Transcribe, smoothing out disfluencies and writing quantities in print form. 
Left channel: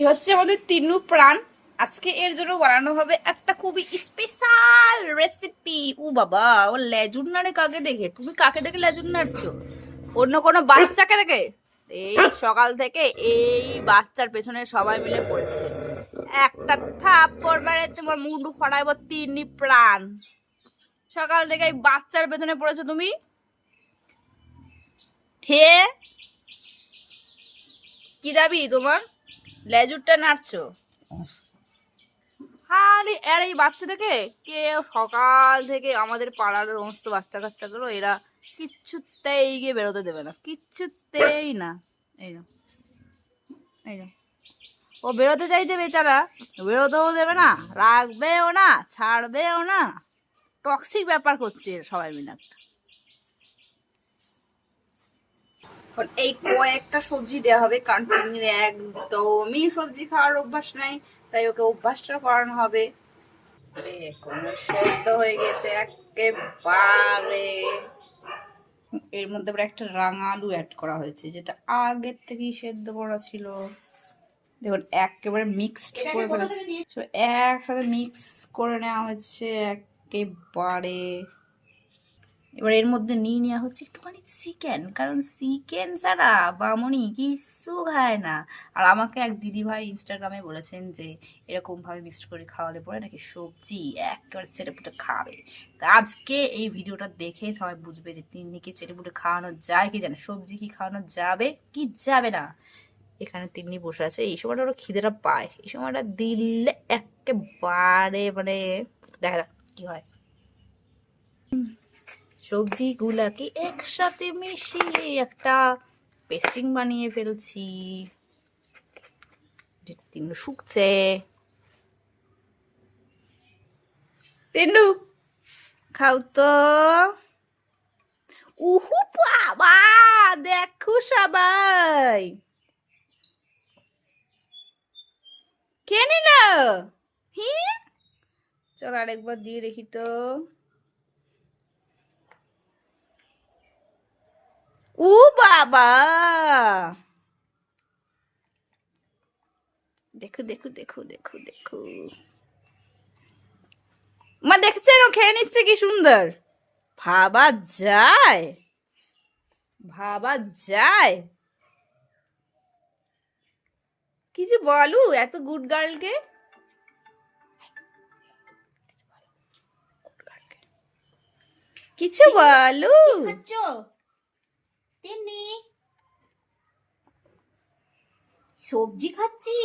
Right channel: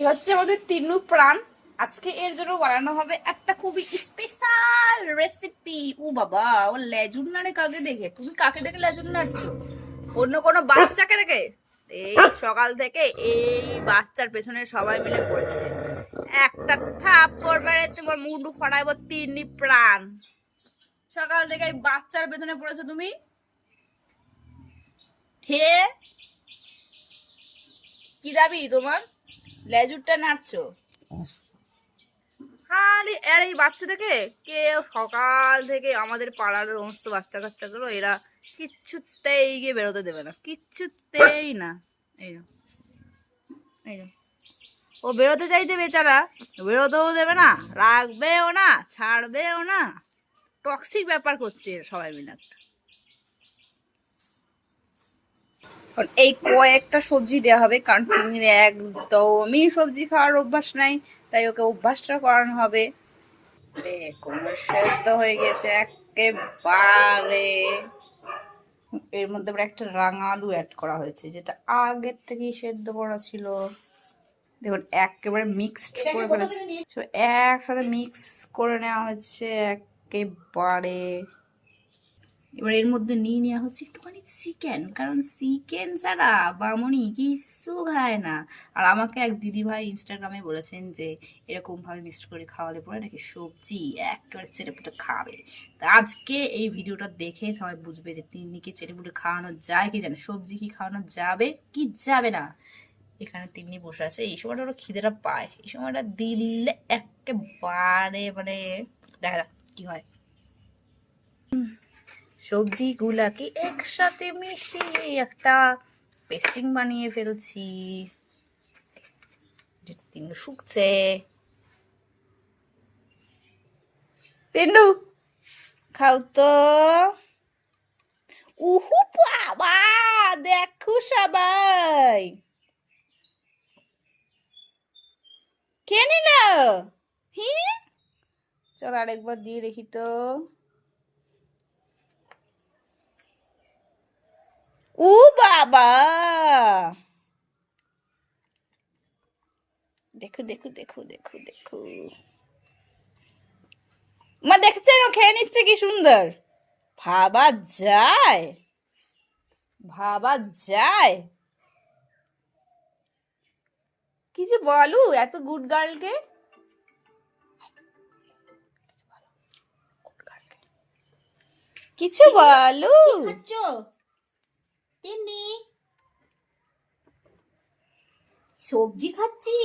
হচ্ছে আমাদের তিন্নু প্রাণ। আজকে এর জন্য বানানো হবে একটা খুবই স্পেশাল রেসিপি। ও বাবা, ও লেজুর নাড়ে কাকে দেখে? তুমি কাকে দেখে লেজুর নাড়ছো? অন্য কোনো বাচ্চাকে দেখে? এই সকাল থেকে এই বাচ্চার পেছনে সবাই মিলে পড়েছে। একটা থাপ্পড় মেরে তোমার মুন্ডু ফাটাইব তিন্নি প্রাণ। সকাল থেকে এই বাচ্চার পেছনে পড়েছো তুমি। হে, কি দাবি তোমার? লেজুরটা নাড়ছো খালি। আর এই বাচ্চাটাকে কেউ সকাল থেকে আমাদের পাড়ার সমস্ত বাচ্চা কাচ্চাগুলো এরা কিচ্ছুতেই গিয়ে বেরোতে দেবে না, কিচ্ছুতেই না। এই না, এই না, ও বেরোতে চাইছে বেচারা, বেরোতেও দেবে না, রাখবেও না, ছাড়বেও না। টক্সিক ব্যাপার করছে সবাই মিলে একটা। এই কয়েকটা সবজি দেওয়া হবে কারণ তিনি একদমই সবজি খাওয়ার অভ্যাস নাই, তাই ওকে অভ্যাসটা করানো হবে। দেখুন সেদ্ধ হয়ে গেছে একেবারে। এর মধ্যে আবার একটা রাঙা আলু অ্যাড করা হয়েছে, যেটা আগের থেকেই সেদ্ধ করা ছিল। দেখুন একেবারে মিক্সড করে ফেলেছে, একসাথে মিক্স করে নেওয়া হয়েছে একেবারে। এবার এর মধ্যে নিয়ে নেওয়া হচ্ছে একটুখানি চিকেন, কারণ চিকেন ছাড়া বামনি কিছু খায় না। আর আমাকে এক দিদি ভাই ইনস্টাগ্রামে বলেছেন যে এরকম ভাবে মিক্সড করে খাওয়ালে পরে নাকি সবজি একেবারে চেটেপুটে খাবে। তা আজকে এই ভিডিওটা দেখে সবাই বুঝবে যে তিন্নিকে চেটেপুটে খাওয়ানো যায় কি জানে, সবজি কি খাওয়ানো যাবে কি যাবে না। এখানে তিন্নি বসে আছে, এই সময়টা ওরা খিদেটা পায়, এই সময়টা দিলে একেবারে মানে দেখা যাক কি হয়। সবজিগুলাকে একসাথে মিশিয়ে একটা পেস্টিং বানিয়ে ফেলছি, যেটা তিন্নু শুকছে। তিন্নু খাও তো। উহু বাবা, দেখো সবাই খেয়ে নিল। হি, চল আরেকবার দিয়ে দেখি তো। ও বাবা, দেখো দেখো দেখো দেখো দেখো, মা দেখছেন ও খেয়ে নিচ্ছে কি সুন্দর। ভাবা যায়, ভাবা যায়। কি যে বলু এত গুড গার্লকে, কিছু বলু। তেমনি সবজি খাচ্ছি।